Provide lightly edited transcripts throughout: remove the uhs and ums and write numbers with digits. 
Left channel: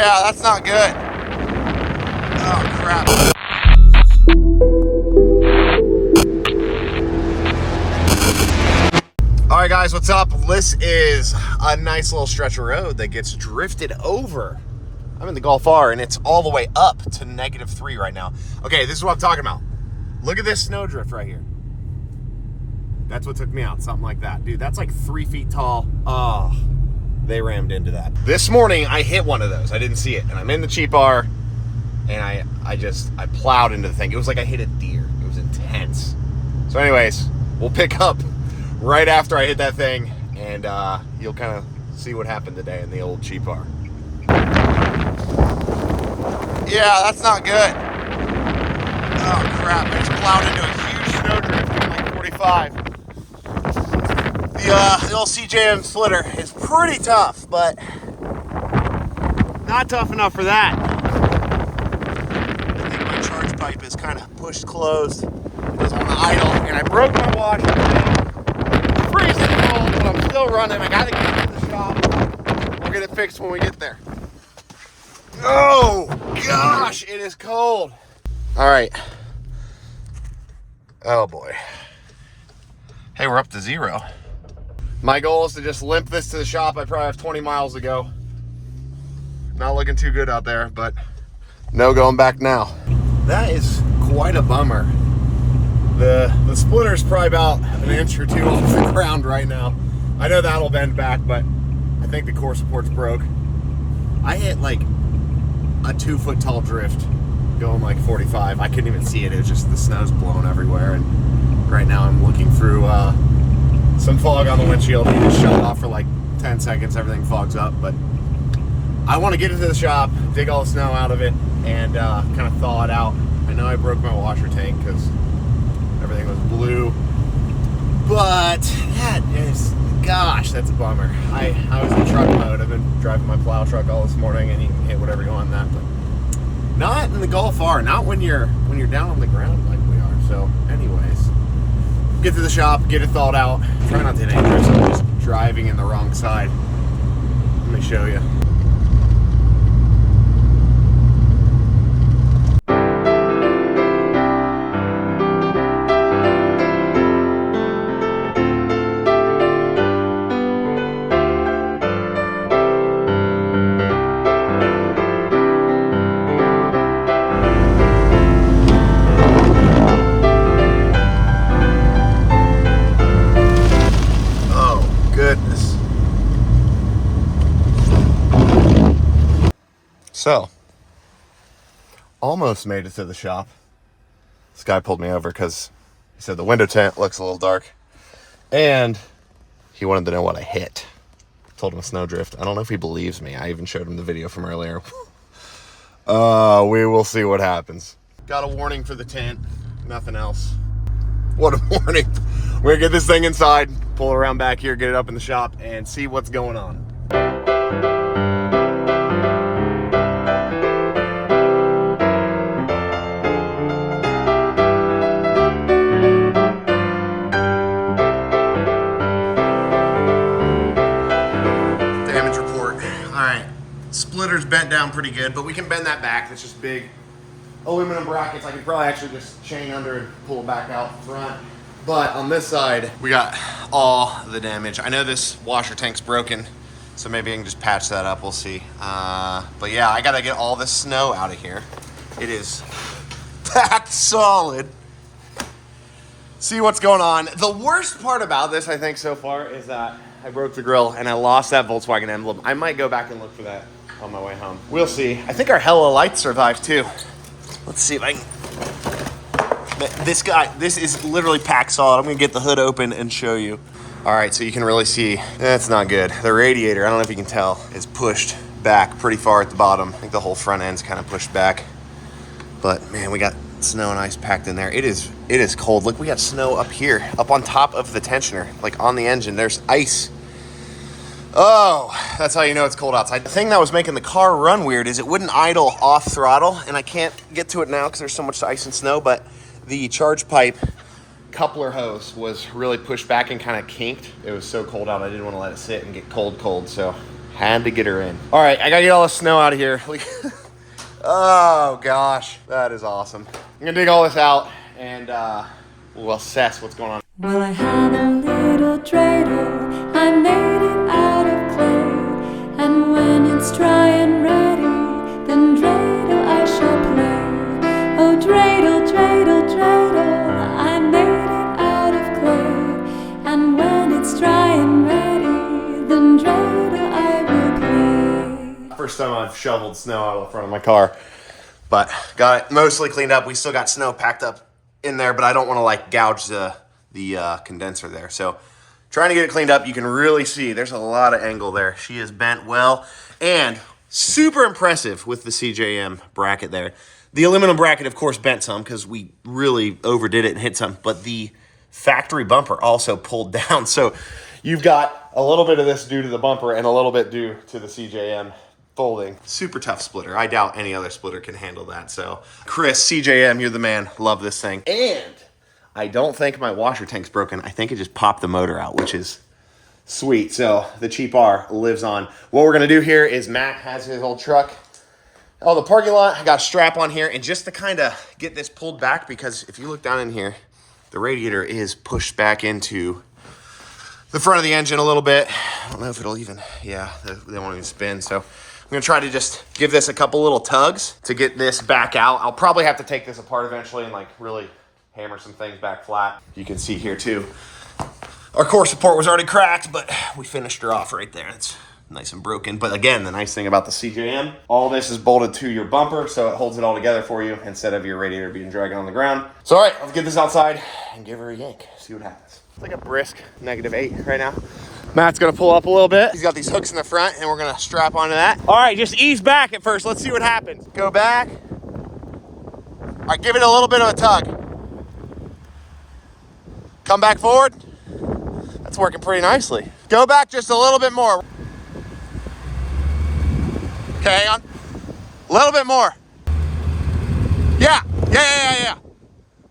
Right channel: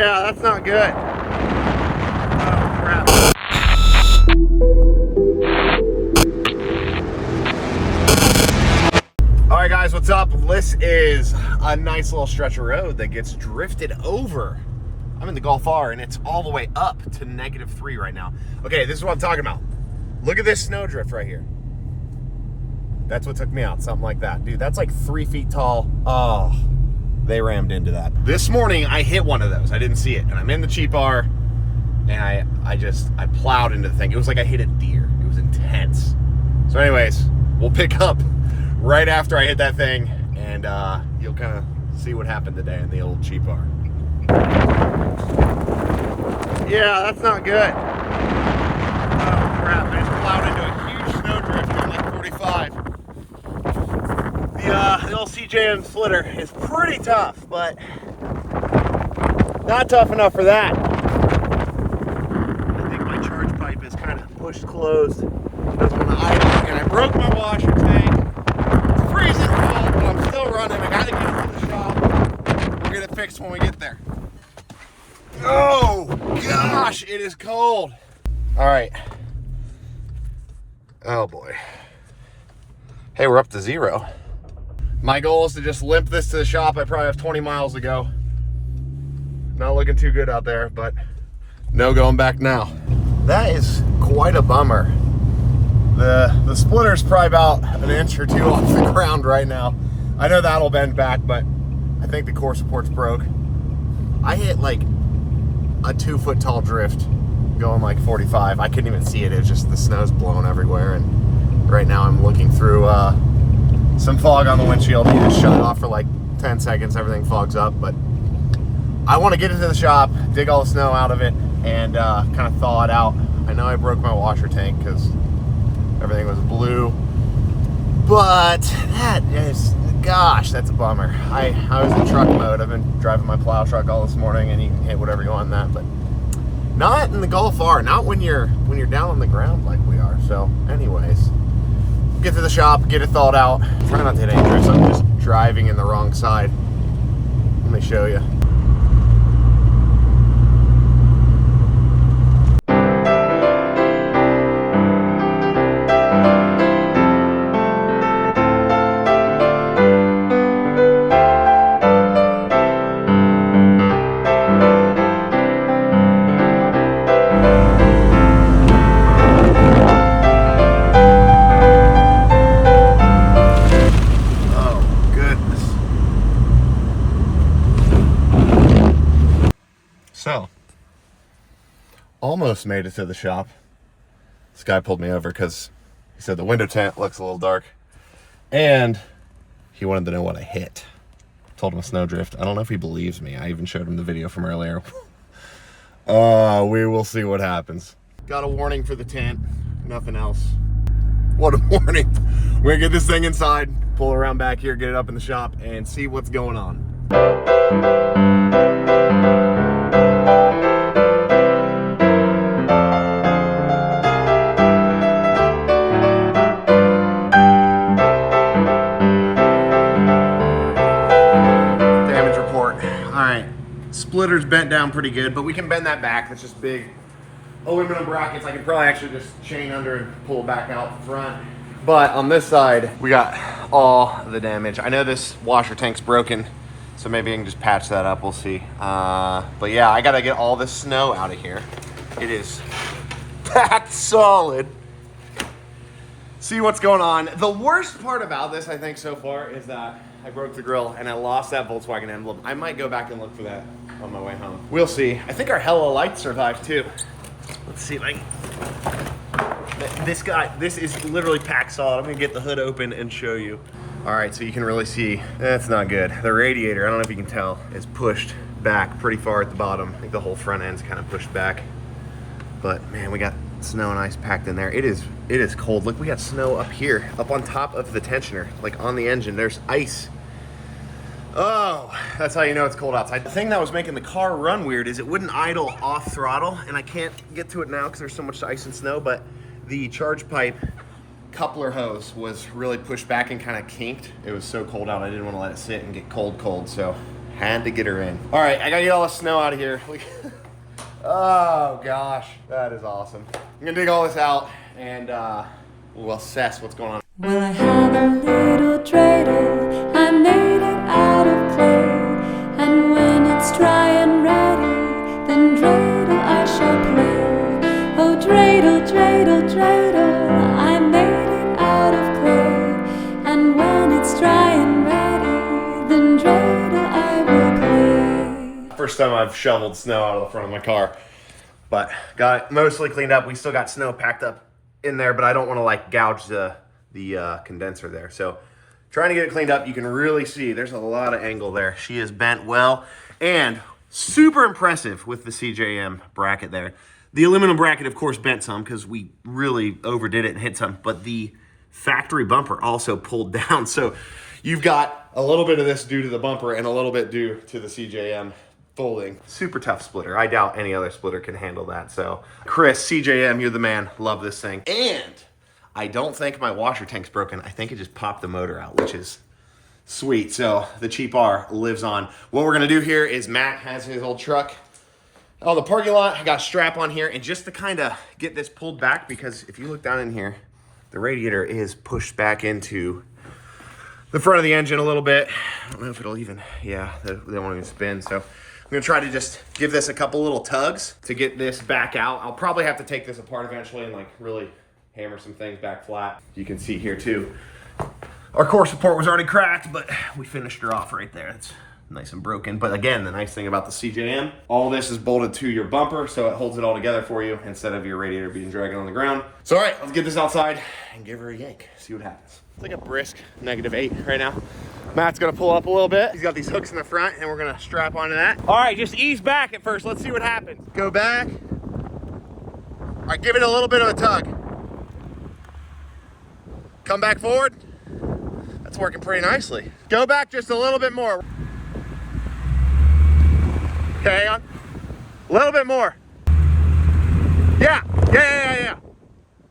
Yeah, that's not good. Oh, crap. All right, guys, what's up? This is a nice little stretch of road that gets drifted over. I'm in the Golf R, and it's all the way up to -3 right now. Okay, this is what I'm talking about. Look at this snow drift right here. That's what took me out, something like that. Dude, that's like 3 feet tall. Oh, they rammed into that. This morning, I hit one of those. I didn't see it, and I'm in the cheap R, and I plowed into the thing. It was like I hit a deer. It was intense. So anyways, we'll pick up right after I hit that thing, and you'll kind of see what happened today in the old cheap R. Yeah, that's not good. Oh crap, I just plowed into a huge snow drift at like 45. The old CJM splitter is pretty tough, but not tough enough for that. I think my charge pipe is kind of pushed closed. It was on the idle, and I broke my washer. Freezing cold, but I'm still running. I gotta get it to the shop. We'll get it fixed when we get there. Oh gosh, it is cold. All right. Oh boy. Hey, we're up to 0. My goal is to just limp this to the shop. I probably have 20 miles to go. Not looking too good out there, but no going back now. That is quite a bummer. The splitter's probably about an inch or 2 off the ground right now. I know that'll bend back, but I think the core support's broke. I hit like a 2-foot tall drift going like 45. I couldn't even see it. It was just the snow's blowing everywhere, and right now I'm looking through some fog on the windshield. You just shut it off for like 10 seconds, everything fogs up. But I want to get it to the shop, dig all the snow out of it, and kind of thaw it out. I know I broke my washer tank because everything was blue, but that is, gosh, that's a bummer. I was in truck mode. I've been driving my plow truck all this morning, and you can hit whatever you want in that, but not in the Golf R, not when you're down on the ground like we are. So anyways, get to the shop, get it thawed out. Try not to hit any drifts. I'm just driving in the wrong side. Let me show you. So, almost made it to the shop. This guy pulled me over because he said the window tint looks a little dark, and he wanted to know what I hit. Told him a snowdrift. I don't know if he believes me. I even showed him the video from earlier. We will see what happens. Got a warning for the tint, nothing else. What a warning. We're gonna get this thing inside, pull it around back here, get it up in the shop, and see what's going on. Splitter's bent down pretty good, but we can bend that back. That's just big aluminum brackets. I can probably actually just chain under and pull it back out front. But on this side, we got all the damage. I know this washer tank's broken, so maybe I can just patch that up. We'll see. But yeah, I gotta get all this snow out of here. It is that solid. See what's going on. The worst part about this, I think, so far is that I broke the grill and I lost that Volkswagen emblem. I might go back and look for that on my way home. We'll see. I think our Hella light survived too. Let's see if I can. This is literally packed solid. I'm gonna get the hood open and show you. All right, so you can really see, that's not good. The radiator, I don't know if you can tell, is pushed back pretty far at the bottom. I think the whole front end's kind of pushed back. But man, we got snow and ice packed in there. It is cold. Look, we got snow up here, up on top of the tensioner, like on the engine. There's ice. Oh, that's how you know it's cold outside. The thing that was making the car run weird is it wouldn't idle off throttle, and I can't get to it now because there's so much ice and snow, but the charge pipe coupler hose was really pushed back and kind of kinked. It was so cold out, I didn't want to let it sit and get cold, so Had to get her in. All right, I gotta get all the snow out of here. Oh gosh, that is awesome. I'm gonna dig all this out and we'll assess what's going on. Well, I have a little dreidel, I made it out of clay, and when it's dry and ready, then dreidel I shall play. Oh, dreidel, dreidel, dreidel, I made it out of clay, and when it's dry and ready, then dreidel I will play. First time I've shoveled snow out of the front of my car, but got it mostly cleaned up. We still got snow packed up in there, but I don't want to like gouge the condenser there. So trying to get it cleaned up. You can really see there's a lot of angle there. She is bent well, and super impressive with the CJM bracket there. The aluminum bracket, of course, bent some because we really overdid it and hit some, but the factory bumper also pulled down. So you've got a little bit of this due to the bumper and a little bit due to the CJM folding. Super tough splitter. I doubt any other splitter can handle that. So Chris, CJM, you're the man. Love this thing. And I don't think my washer tank's broken. I think it just popped the motor out, which is sweet. So the cheap R lives on. What we're gonna do here is Matt has his old truck on the parking lot. I got a strap on here, and just to kind of get this pulled back, because if you look down in here, the radiator is pushed back into the front of the engine a little bit. I don't know if it'll even, yeah, they won't even spin. So I'm gonna try to just give this a couple little tugs to get this back out. I'll probably have to take this apart eventually and like really hammer some things back flat. You can see here too, our core support was already cracked, but we finished her off right there. It's nice and broken. But again, the nice thing about the CJM, all this is bolted to your bumper, so it holds it all together for you instead of your radiator being dragging on the ground. So all right, let's get this outside and give her a yank, see what happens. It's like a brisk -8 right now. Matt's gonna pull up a little bit. He's got these hooks in the front and we're gonna strap onto that. All right, just ease back at first. Let's see what happens. Go back. All right, give it a little bit of a tug. Come back forward. That's working pretty nicely. Go back just a little bit more. Okay, hang on. A little bit more. Yeah.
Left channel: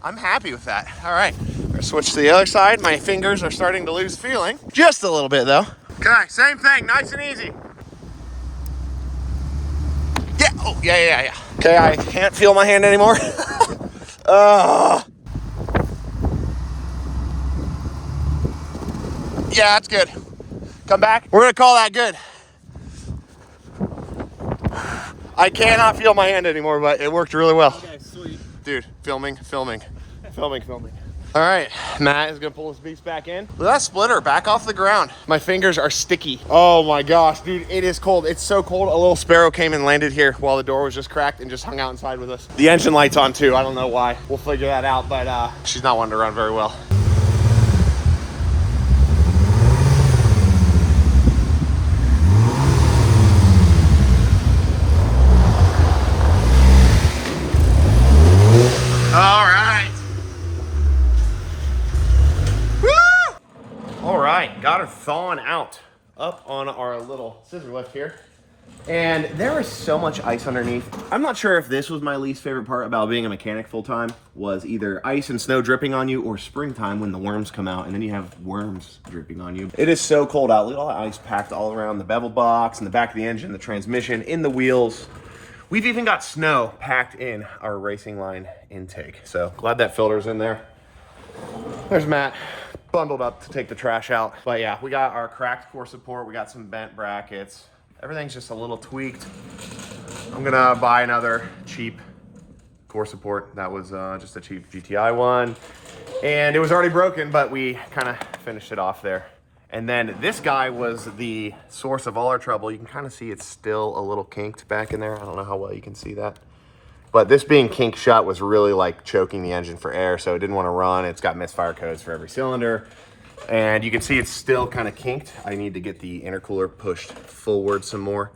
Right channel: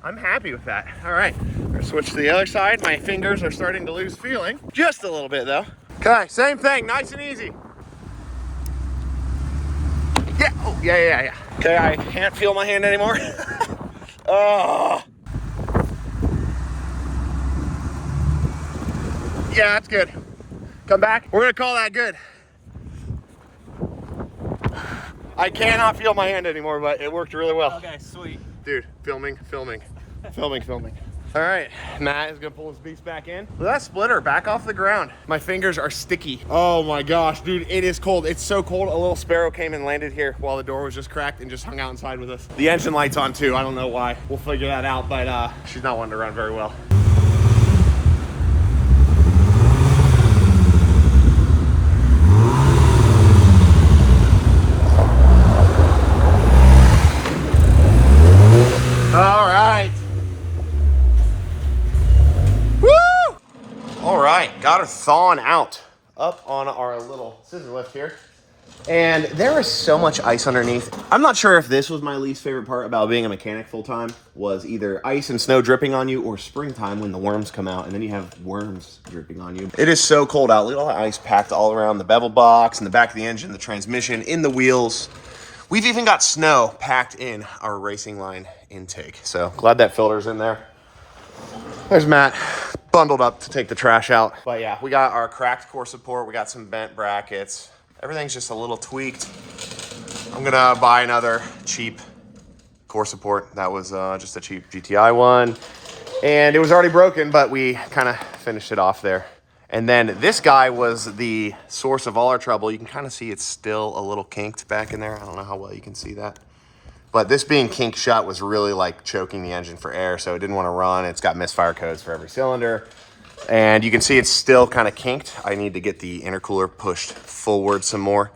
I'm happy with that. All right, switch to the other side. My fingers are starting to lose feeling. Just a little bit though. Okay, same thing, nice and easy. Yeah, oh, yeah. Okay, I can't feel my hand anymore. Yeah, that's good. Come back. We're gonna call that good. I cannot feel my hand anymore, but it worked really well. Okay, sweet. Dude, filming. All right, Matt is gonna pull his beast back in. Look at that splitter, back off the ground. My fingers are sticky. Oh my gosh, dude, it is cold. It's so cold. A little sparrow came and landed here while the door was just cracked and just hung out inside with us. The engine light's on too. I don't know why. We'll figure that out, but she's not wanting to run very well. All right. Woo! All right, got her thawing out up on our little scissor lift here. And there is so much ice underneath. I'm not sure if this was my least favorite part about being a mechanic full time, was either ice and snow dripping on you or springtime when the worms come out and then you have worms dripping on you. It is so cold out. Look at all the ice packed all around the bevel box and the back of the engine, the transmission, in the wheels. We've even got snow packed in our racing line intake. So glad that filter's in there. There's Matt bundled up to take the trash out. But yeah, we got our cracked core support. We got some bent brackets. Everything's just a little tweaked. I'm gonna buy another cheap core support. That was just a cheap GTI one. And it was already broken, but we kind of finished it off there. And then this guy was the source of all our trouble. You can kind of see it's still a little kinked back in there. I don't know how well you can see that. But this being kinked shut was really like choking the engine for air, so it didn't want to run. It's got misfire codes for every cylinder. And you can see it's still kind of kinked. I need to get the intercooler pushed forward some more.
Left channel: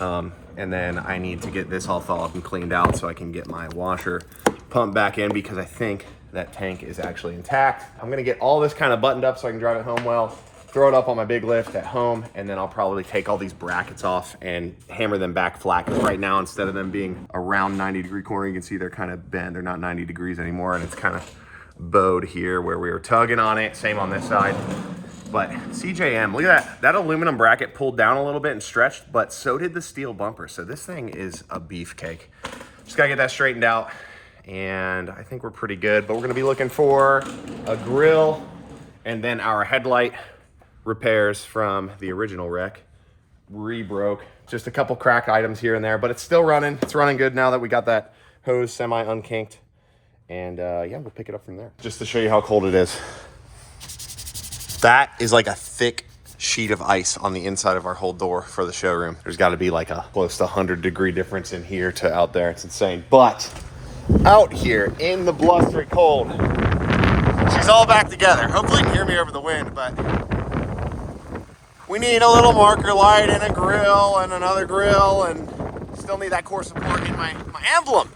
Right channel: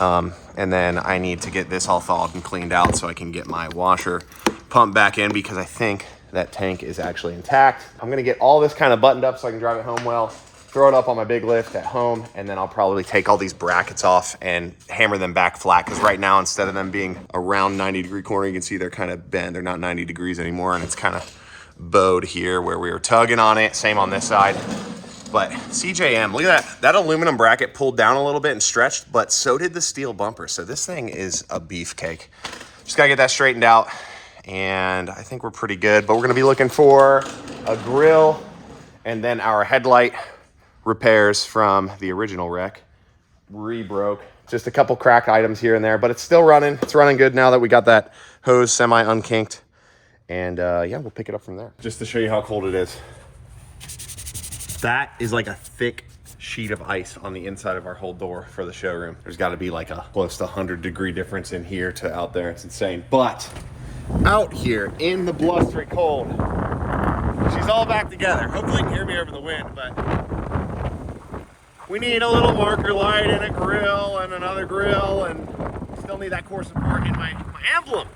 And then I need to get this all thawed and cleaned out so I can get my washer pumped back in, because I think that tank is actually intact. I'm gonna get all this kind of buttoned up so I can drive it home well. Throw it up on my big lift at home, and then I'll probably take all these brackets off and hammer them back flat, because right now, instead of them being around 90-degree corner, you can see they're kind of bent. They're not 90 degrees anymore, and it's kind of bowed here where we were tugging on it. Same on this side. But CJM, look at that. That aluminum bracket pulled down a little bit and stretched, but so did the steel bumper. So this thing is a beefcake. Just gotta get that straightened out, and I think we're pretty good. But we're gonna be looking for a grill and then our headlight repairs from the original wreck. Re-broke. Just a couple cracked items here and there, but it's still running. It's running good now that we got that hose semi-unkinked. And yeah, we'll pick it up from there. Just to show you how cold it is. That is like a thick sheet of ice on the inside of our whole door for the showroom. There's got to be like a close to 100-degree difference in here to out there. It's insane. But out here in the blustery cold, she's all back together. Hopefully you can hear me over the wind, but we need a little marker light and a grill and another grill, and still need that core support in my emblem.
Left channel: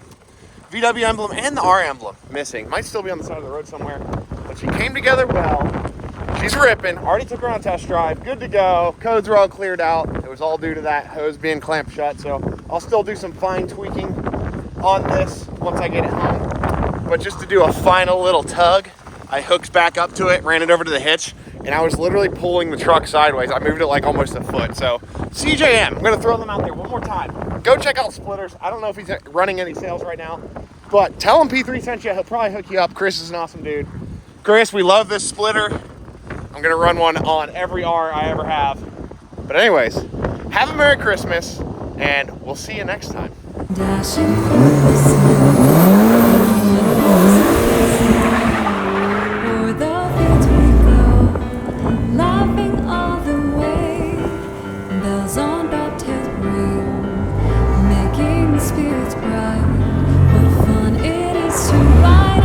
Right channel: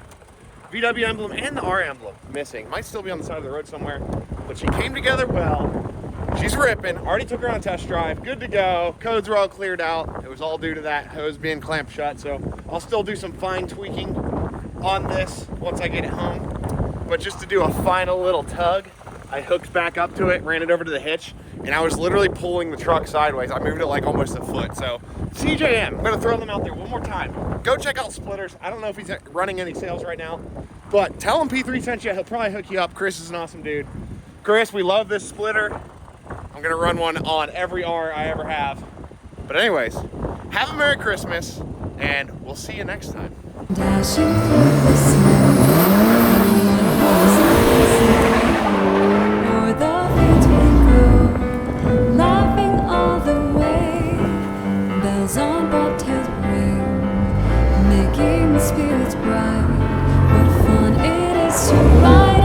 VW emblem and the R emblem missing. Might still be on the side of the road somewhere, but she came together well. She's ripping. Already took her on a test drive. Good to go. Codes were all cleared out. It was all due to that hose being clamped shut. So I'll still do some fine tweaking on this once I get it home. But just to do a final little tug, I hooked back up to it, ran it over to the hitch, and I was literally pulling the truck sideways. I moved it like almost a foot. So CJM, I'm gonna throw them out there one more time. Go check out Splitters. I don't know if he's running any sales right now, but tell him P3 sent you. He'll probably hook you up. Chris is an awesome dude. Chris, we love this splitter. I'm gonna run one on every R I ever have. But anyways, have a Merry Christmas, and we'll see you next time. Dashing through the snow, o'er the fields we go, laughing all the way. Bells on bobtails ring, making the spirits bright. What fun it is to ride